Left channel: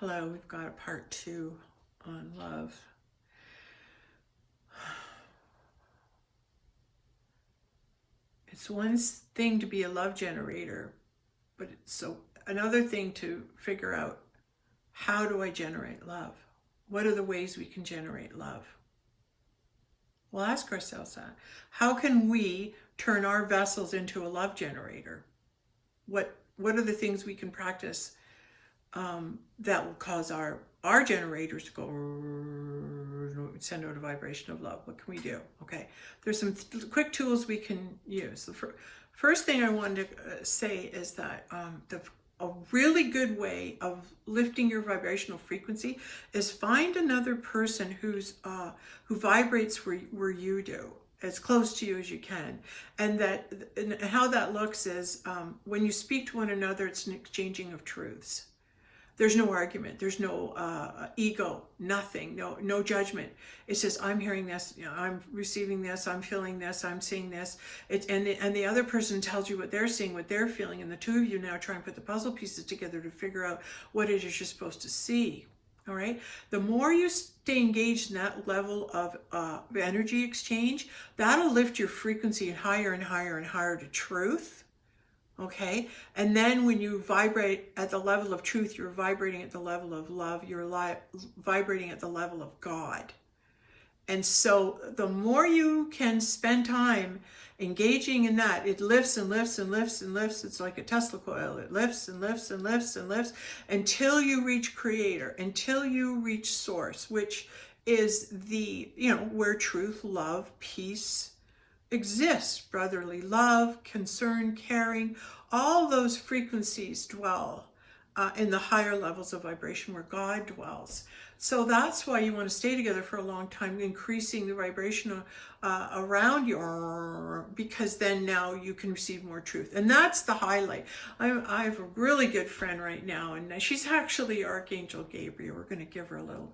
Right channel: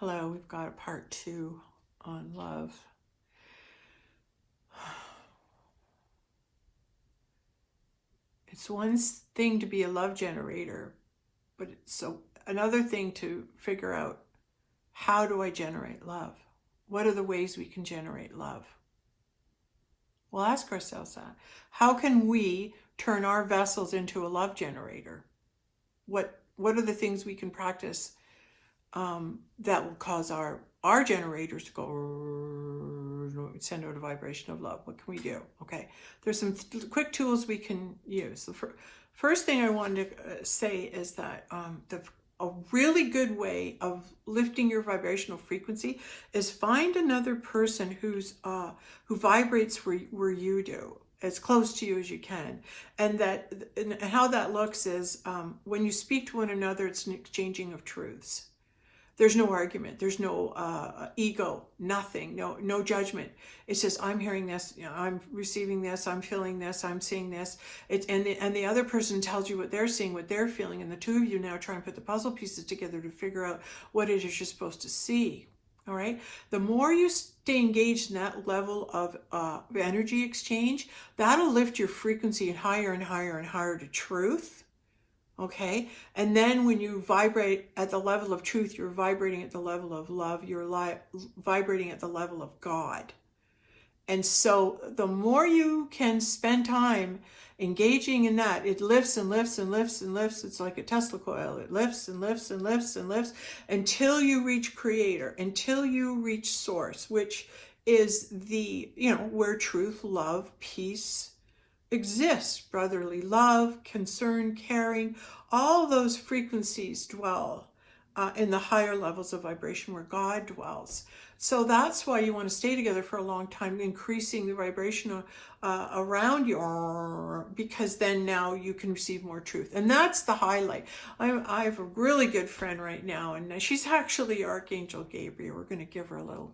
Hello, we've got a part 2 on love. It's one thing to be a love generator, but it's so another thing to figure out, how do I generate love? What are the ways we can generate love? We'll ask ourselves that. How can we turn our vessels into a love generator? What are the things we can practice that will cause our generators to go send out a vibration of love? What can we do? Okay, there's some quick tools we can use. The first thing I wanted to say is that a really good way of lifting your vibrational frequency is find another person who vibrates where you do, as close to you as you can. And how that looks is, when you speak to one another, it's an exchanging of truths. There's no argument. There's no ego. Nothing. No judgment. It's just, I'm hearing this. I'm receiving this. I'm feeling this. I'm seeing this. And the other person tells you what they're seeing, what they're feeling, and the two of you now try and put the puzzle pieces together to figure out what it is you're supposed to see. All right. The more you stay engaged in that level of energy exchange, that'll lift your frequency higher and higher and higher to truth. Okay, and then when you vibrate at the level of truth, you're vibrating at the level of love, you're vibrating at the level of God. And so the more you can spend time engaging in that, it lifts and lifts and lifts and lifts. It's like a Tesla coil. It lifts and lifts and lifts and lifts until you reach Creator, until you reach Source, which is where truth, love, peace exists. Brotherly love, concern, caring, all those frequencies dwell in the higher levels of vibration where God dwells. So that's why you want to stay together for a long time, increasing the vibration around you, because then now you can receive more truth. And that's the highlight. I have a really good friend right now, and she's actually Archangel Gabriel. We're going to give her a little,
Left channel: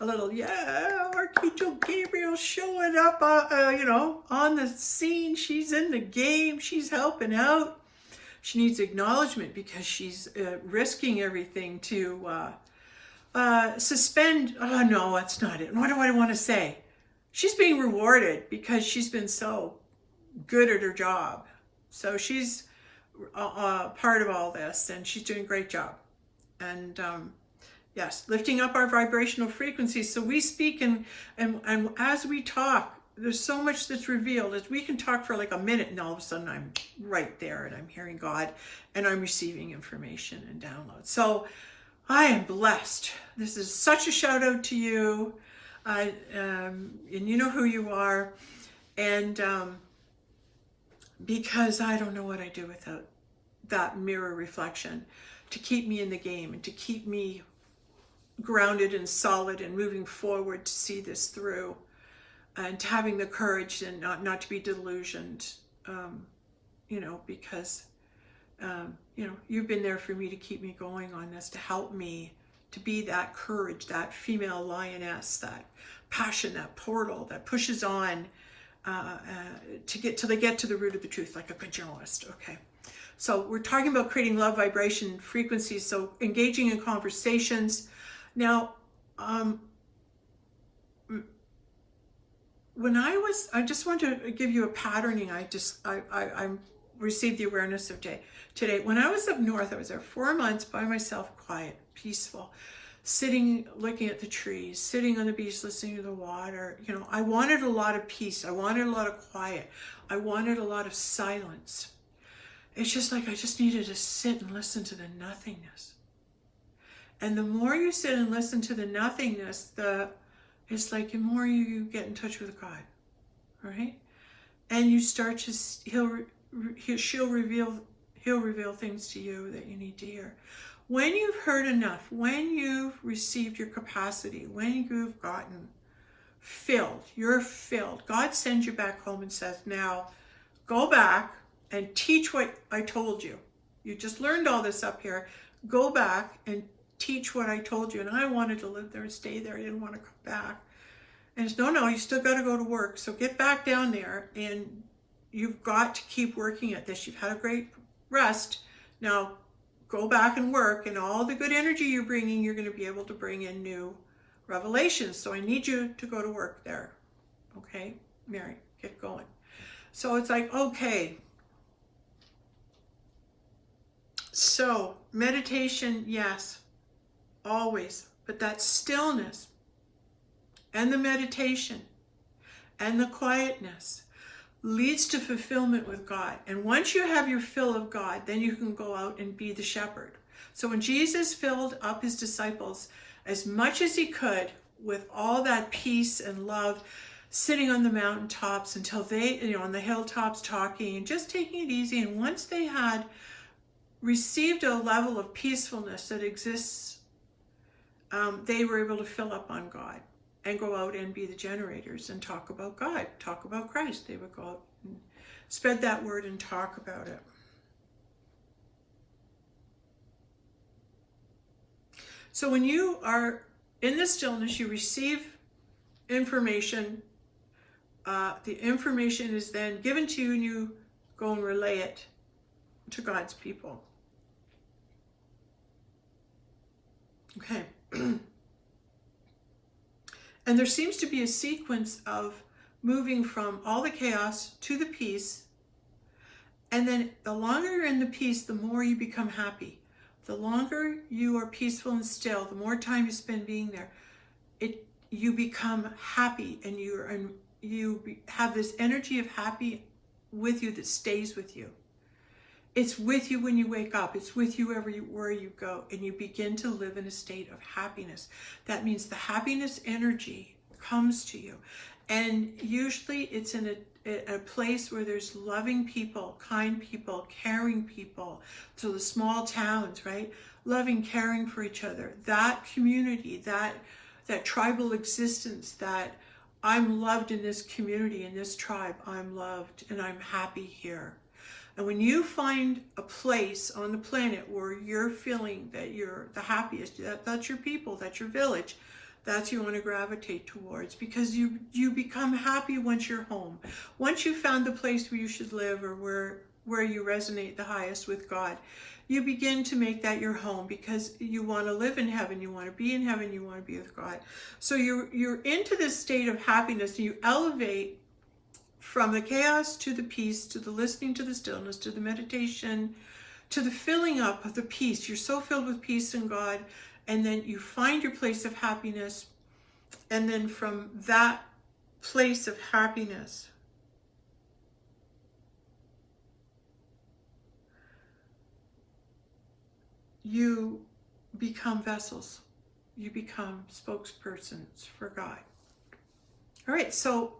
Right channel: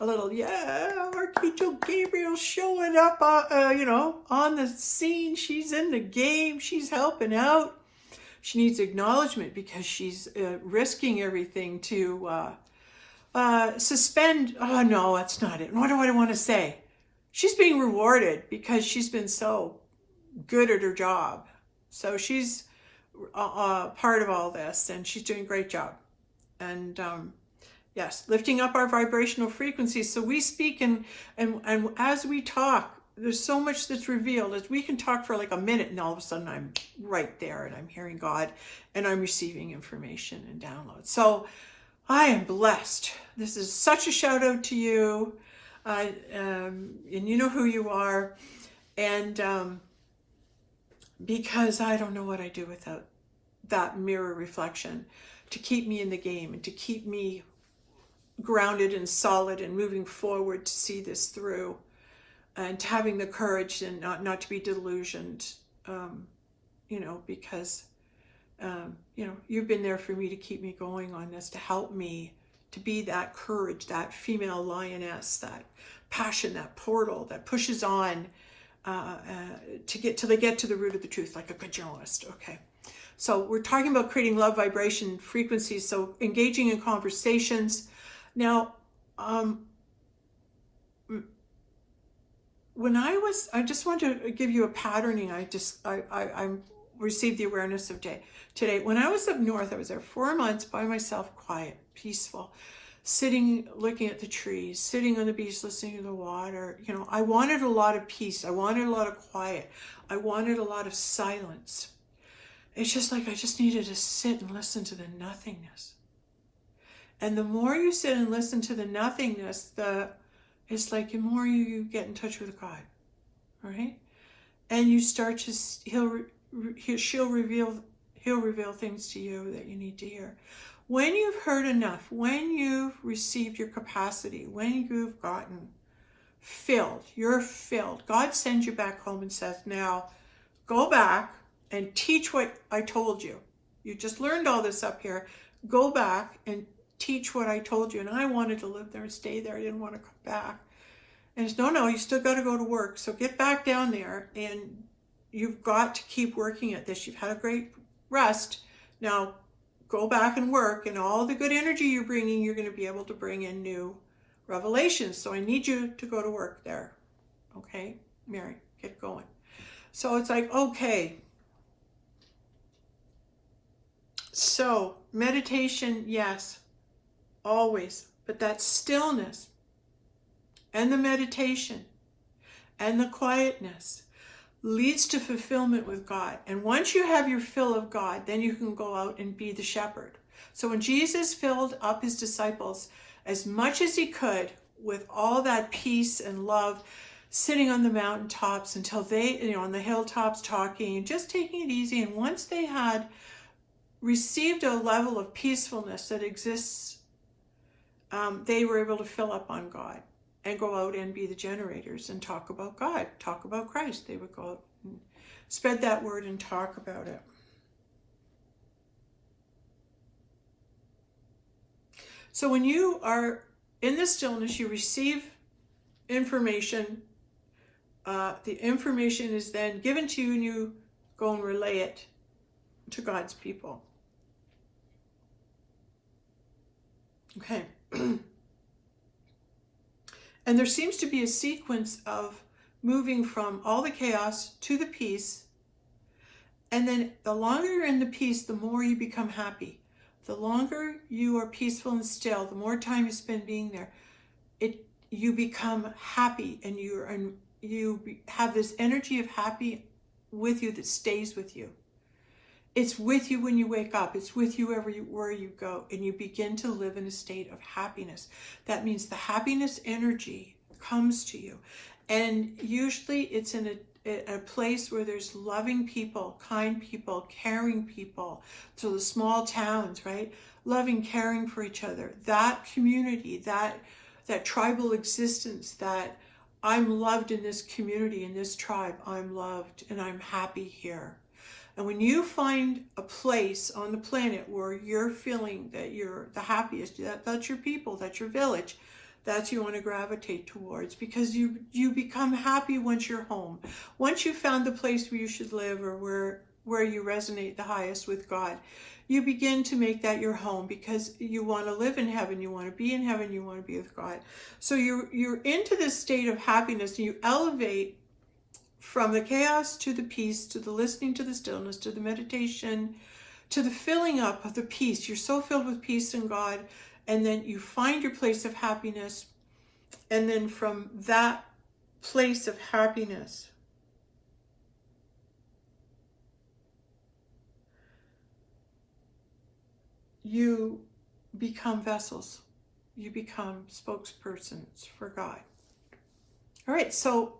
Archangel Gabriel showing up, on the scene. She's in the game. She's helping out. She needs acknowledgement because she's risking everything to suspend. Oh no, that's not it. What do I want to say? She's being rewarded because she's been so good at her job. So she's part of all this, and she's doing a great job. And yes, lifting up our vibrational frequencies. So we speak and as we talk, there's so much that's revealed. As we can talk for like a minute, and all of a sudden I'm right there, and I'm hearing God, and I'm receiving information and downloads. So I am blessed. This is such a shout out to you, and you know who you are, and because I don't know what I do without that mirror reflection to keep me in the game and to keep me grounded and solid and moving forward to see this through, and having the courage and not to be delusioned, because you've been there for me to keep me going on this, to help me to be that courage, that female lioness, that passion, that portal that pushes on to get till they get to the root of the truth, like a good journalist. Okay, so we're talking about creating love vibration frequencies, so engaging in conversations. Now, when I just want to give you a patterning. I received the awareness of today. When I was up north, I was there 4 months by myself, quiet, peaceful, sitting, looking at the trees, sitting on the beach, listening to the water. I wanted a lot of peace. I wanted a lot of quiet. I wanted a lot of silence. It's just like I just needed to sit and listen to the nothingness. And the more you sit and listen to the nothingness, it's like the more you get in touch with God, right? And you start to, he'll reveal things to you that you need to hear. When you've heard enough, when you've received your capacity, when you've gotten filled, you're filled, God sends you back home and says, now go back and teach what I told you. You just learned all this up here. Go back and teach what I told you. And I wanted to live there and stay there. I didn't want to come back. And it's, no, you still got to go to work. So get back down there, and you've got to keep working at this. You've had a great rest. Now go back and work, and all the good energy you're bringing, you're going to be able to bring in new revelations. So I need you to go to work there. Okay, Mary, get going. So it's like, okay. So meditation, yes, always. But that stillness and the meditation and the quietness leads to fulfillment with God. And once you have your fill of God, then you can go out and be the shepherd. So when Jesus filled up his disciples as much as he could with all that peace and love, sitting on the mountaintops until they, on the hilltops talking and just taking it easy. And once they had received a level of peacefulness that exists, they were able to fill up on God and go out and be the generators and talk about God, talk about Christ. They would go out and spread that word and talk about it. So when you are in the stillness, you receive information. The information is then given to you, and you go and relay it to God's people. Okay. And there seems to be a sequence of moving from all the chaos to the peace. And then the longer you're in the peace, the more you become happy. The longer you are peaceful and still, the more time you spend being there, you become happy, and you have this energy of happy with you that stays with you. It's with you when you wake up. It's with you where you go, and you begin to live in a state of happiness. That means the happiness energy comes to you. And usually it's in a place where there's loving people, kind people, caring people. So the small towns, right? Loving, caring for each other. That community, that tribal existence, that I'm loved in this community, in this tribe. I'm loved and I'm happy here. And when you find a place on the planet where you're feeling that you're the happiest, that's your people, that's your village, that's you want to gravitate towards, because you become happy once you're home. Once you've found the place where you should live, or where you resonate the highest with God, you begin to make that your home, because you want to live in heaven, you want to be in heaven, you want to be with God. So you're into this state of happiness, and you elevate from the chaos to the peace, to the listening to the stillness, to the meditation, to the filling up of the peace. You're so filled with peace in God, and then you find your place of happiness. And then from that place of happiness, you become vessels. You become spokespersons for God. All right, so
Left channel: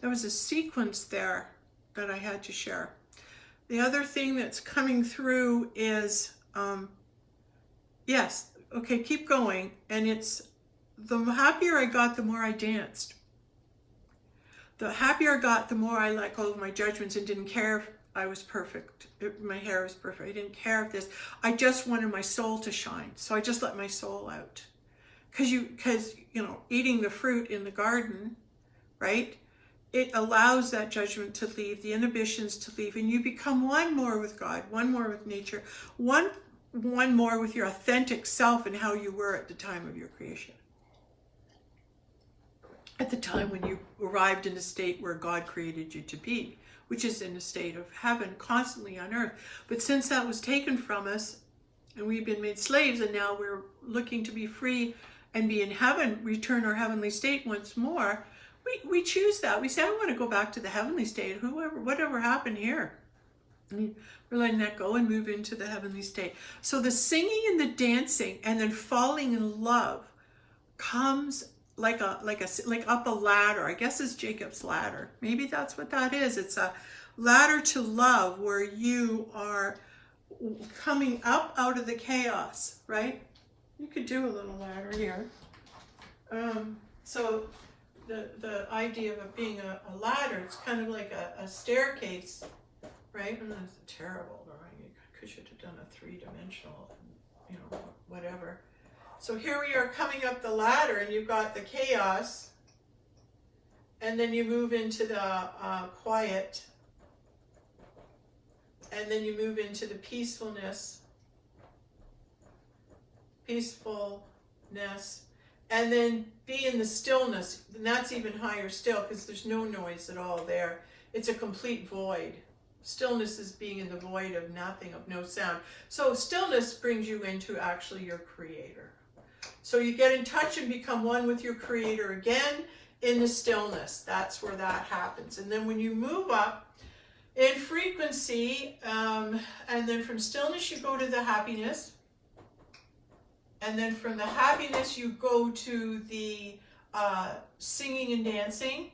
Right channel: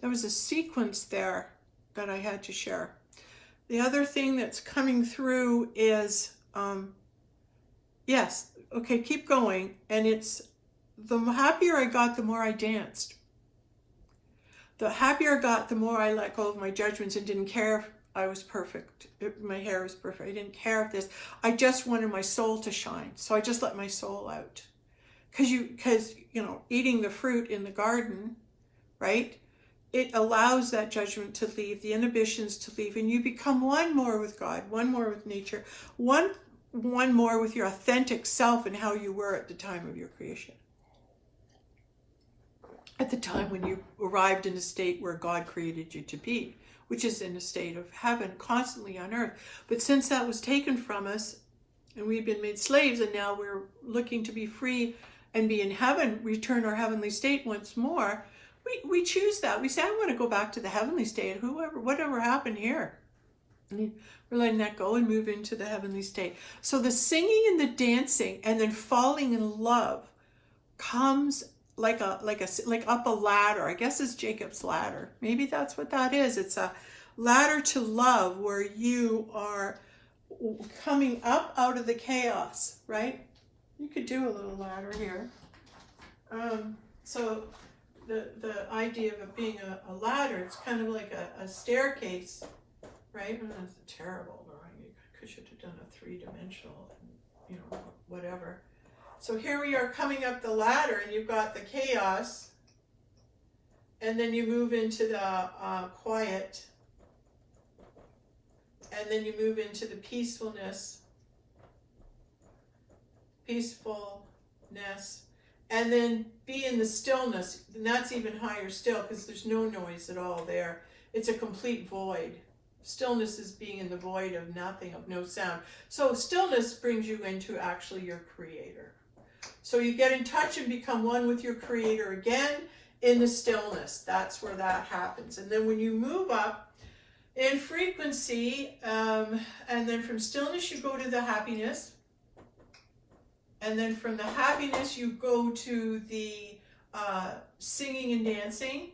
there was a sequence there that I had to share. The other thing that's coming through is, yes, okay, keep going. And it's, the happier I got, the more I danced. The happier I got, the more I let go of my judgments and didn't care if I was perfect. My hair was perfect. I didn't care if this. I just wanted my soul to shine. So I just let my soul out. Because eating the fruit in the garden, right? It allows that judgment to leave, the inhibitions to leave, and you become one more with God, one more with nature, one more with your authentic self and how you were at the time of your creation. At the time when you arrived in a state where God created you to be, which is in a state of heaven, constantly on earth. But since that was taken from us, and we've been made slaves, and now we're looking to be free and be in heaven, return our heavenly state once more, we choose that. We say, I want to go back to the heavenly state, whatever happened here. And we're letting that go and move into the heavenly state. So the singing and the dancing and then falling in love comes like up a ladder. I guess it's Jacob's ladder. Maybe that's what that is. It's a ladder to love, where you are coming up out of the chaos, right? You could do a little ladder here. So the idea of it being a ladder, it's kind of like a staircase, right? That's a terrible drawing. You should have done a three-dimensional, whatever. So here we are coming up the ladder, and you've got the chaos, and then you move into the quiet, and then you move into the peacefulness, peacefulness, and then be in the stillness. And that's even higher still, because there's no noise at all there. It's a complete void. Stillness is being in the void of nothing, of no sound. So stillness brings you into actually your creator. So you get in touch and become one with your creator again in the stillness. That's where that happens. And then when you move up in frequency, and then from stillness you go to the happiness. And then from the happiness you go to the singing and dancing.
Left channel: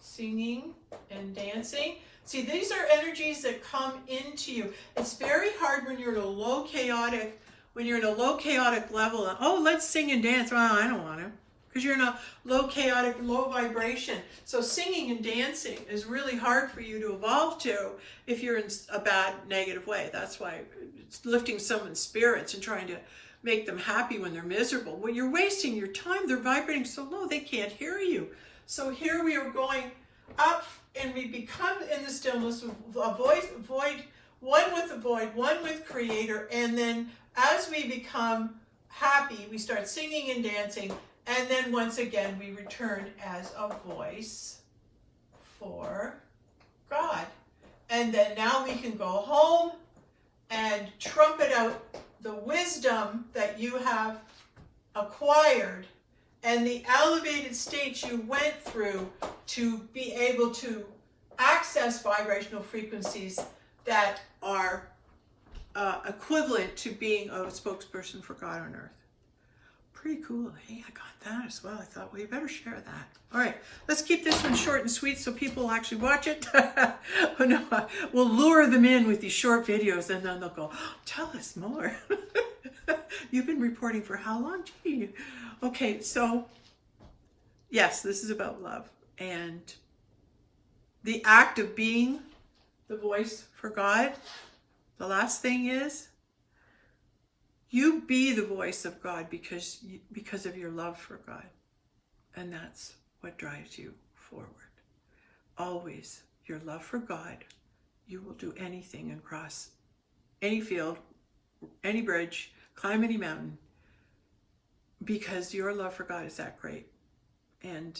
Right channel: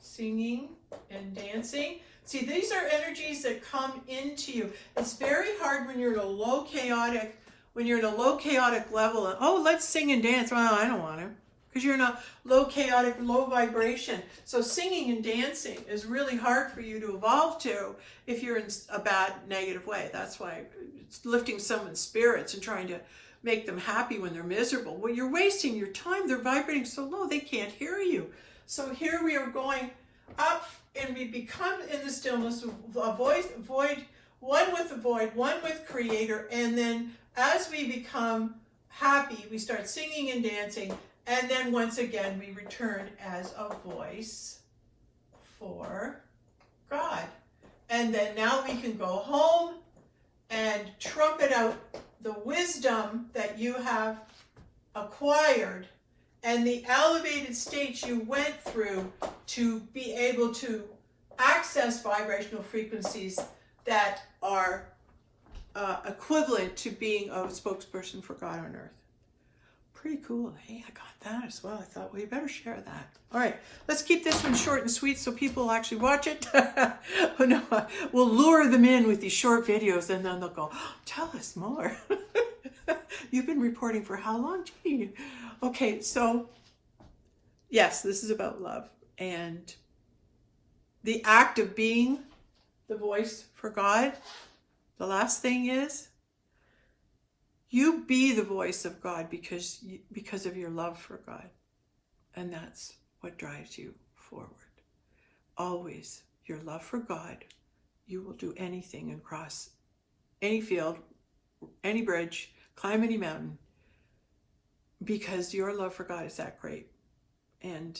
Singing and dancing. See, these are energies that come into you. It's very hard when you're in a low chaotic, level. And, oh, let's sing and dance. Well, I don't want to, because you're in a low chaotic, low vibration. So singing and dancing is really hard for you to evolve to if you're in a bad, negative way. That's why it's lifting someone's spirits and trying to make them happy when they're miserable. When you're wasting your time, they're vibrating so low they can't hear you. So here we are going up, and we become in the stillness, a void, one with the void, one with creator. And then as we become happy, we start singing and dancing. And then once again, we return as a voice for God. And then now we can go home and trumpet out the wisdom that you have acquired and the elevated states you went through to be able to access vibrational frequencies that are equivalent to being a spokesperson for God on earth. Pretty cool. Hey, I got that as well. I thought, well, you better share that. All right, let's keep this one short and sweet so people will actually watch it. No, we'll lure them in with these short videos, and then they'll go, oh, tell us more. You've been reporting for how long? Gee. Okay, so yes, this is about love. And the act of being the voice for God, the last thing is, you be the voice of God because of your love for God. And that's what drives you forward. Always your love for God. You will do anything and cross any field, any bridge, climb any mountain, because your love for God is that great. And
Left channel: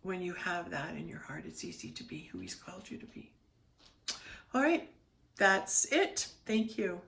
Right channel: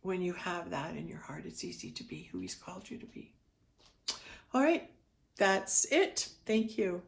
when you have that in your heart, it's easy to be who He's called you to be. All right, that's it. Thank you.